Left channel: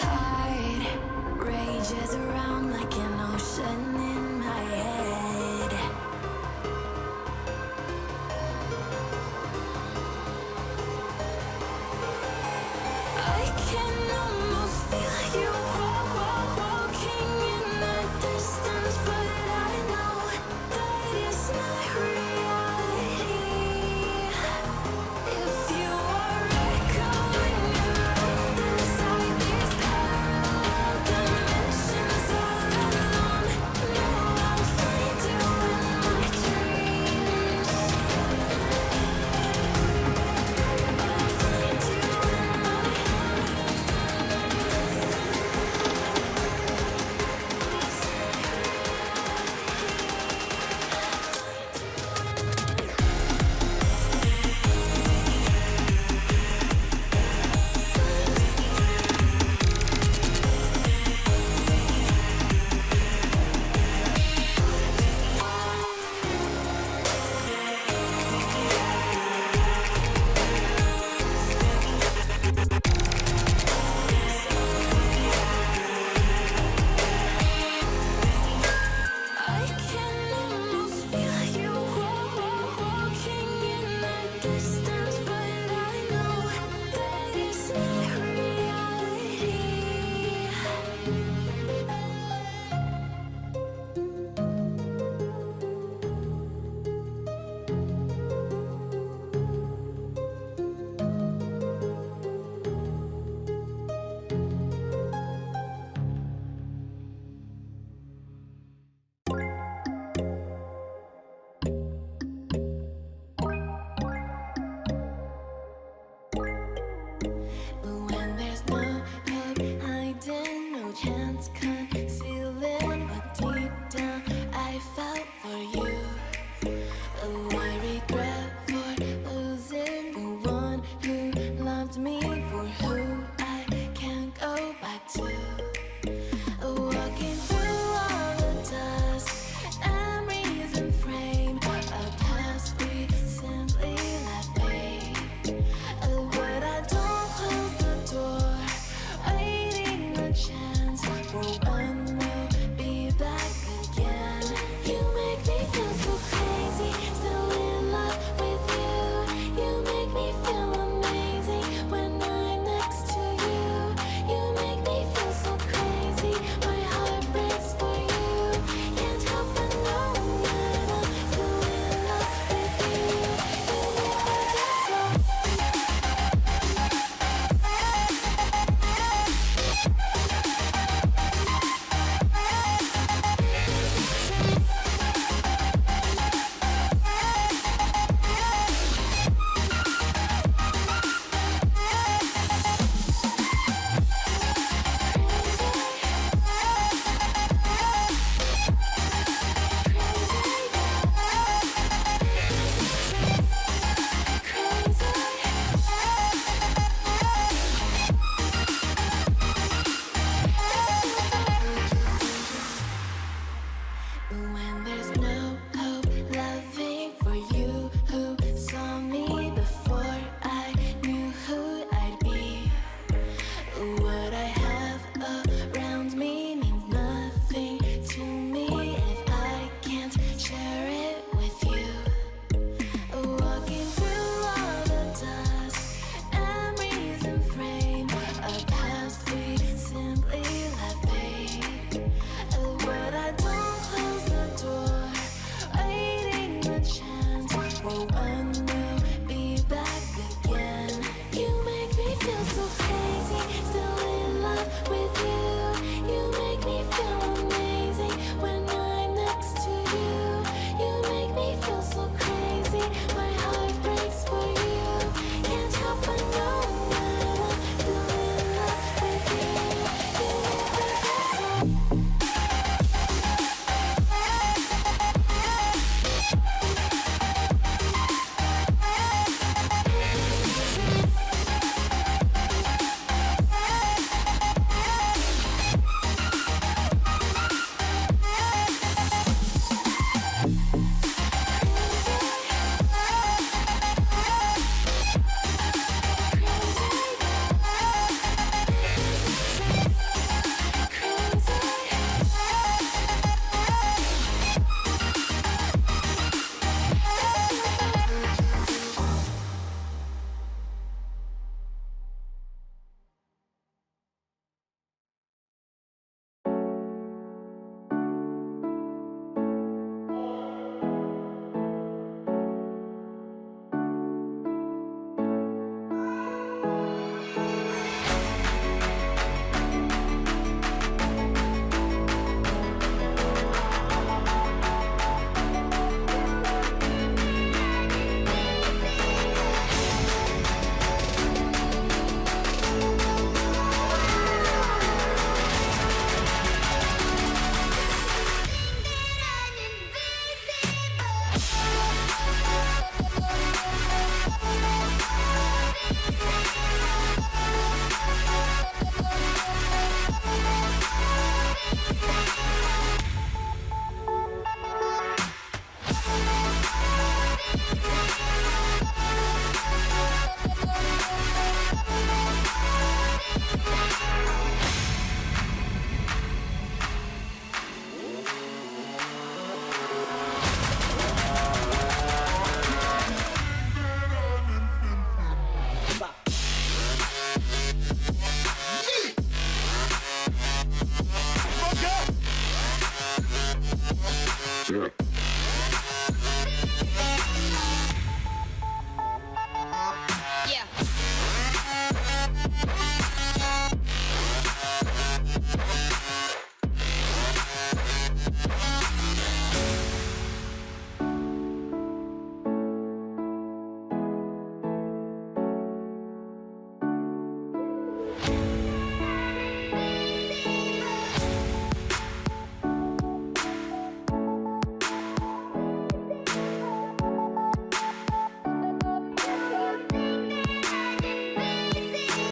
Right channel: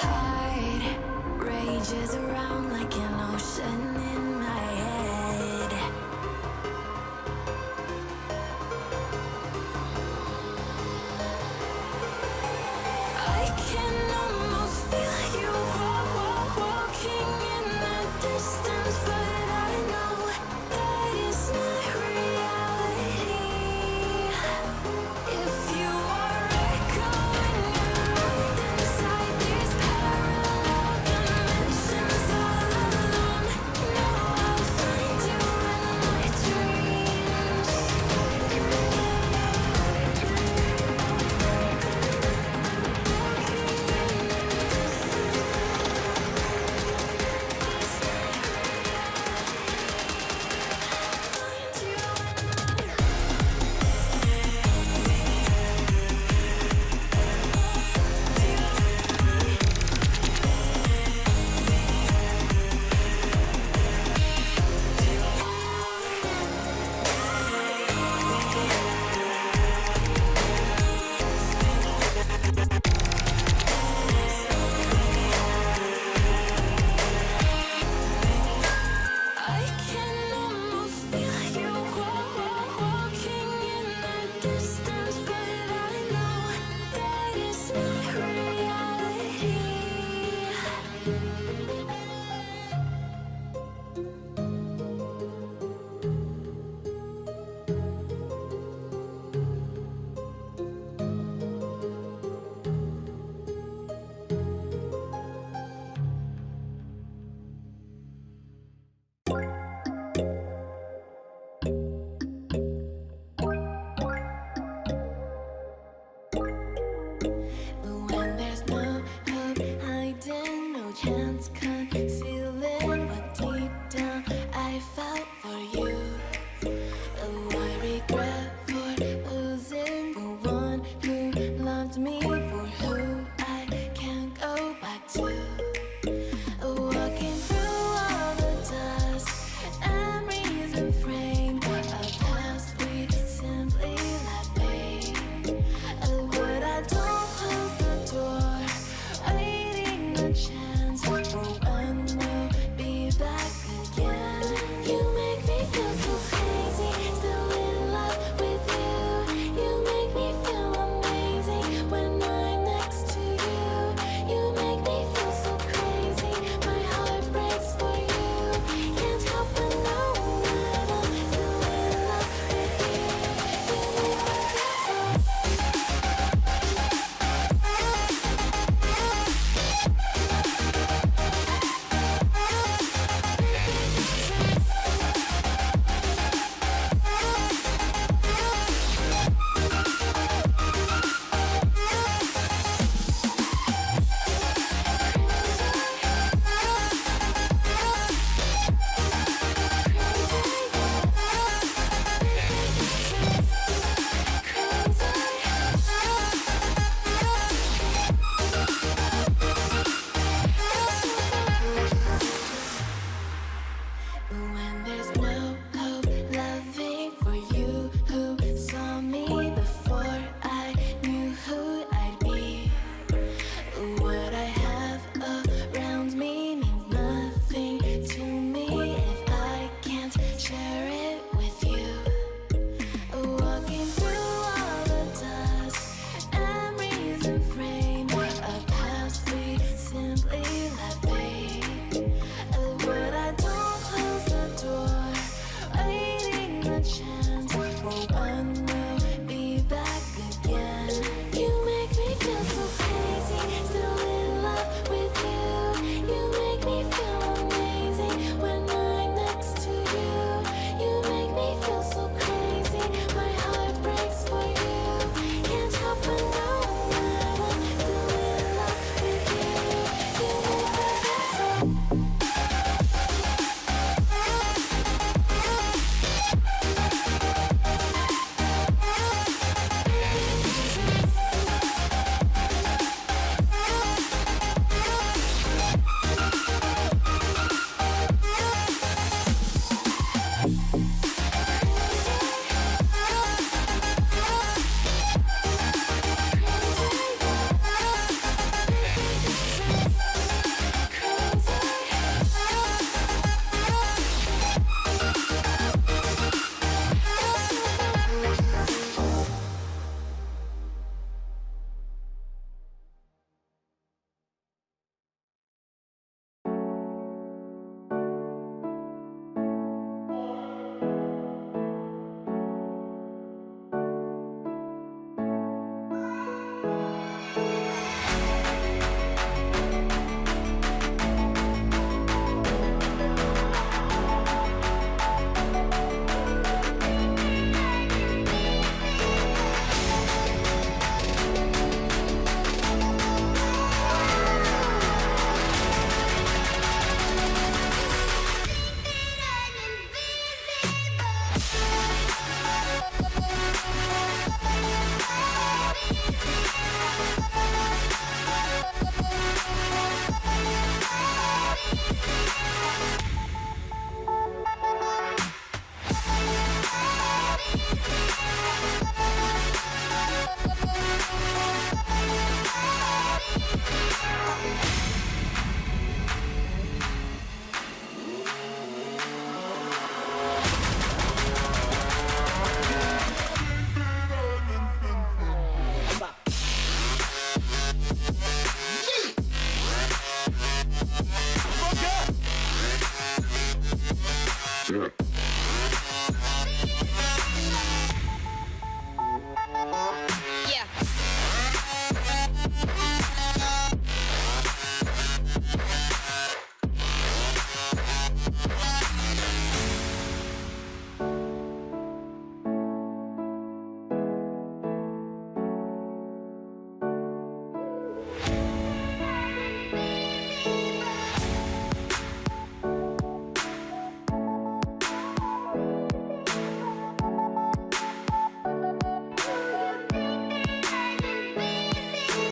heart rages around like an ocean in my head. I can almost feel you walking in the distance, but I know that it's not reality. If you are echoing around inside these parallel dimensions all alone, know I'll find you in my dreams. I can almost feel you walking in the distance, but I know that it's not reality. But when there's no hope hiding, no chance concealing what deep down I felt for you. Oh, I regret for losing the one who loved me, for who I can't go back to. Walking through all the dust, memories and frame, a past we simply let fade. But I don't close the door, waiting a chance for when we'll be back again. You make me feel so crazy, still in love with you. You make me feel amazing when I'm next to you. You make me feel so crazy, my heart breaks for you. Can't help but knowing that I'm still in love with you. You make me feel so. When there's no hope loving for you who saw me before I knew who I'd be. What I have around me means nothing to me if I can't share it with you. Walking through all the dust, memories and frames.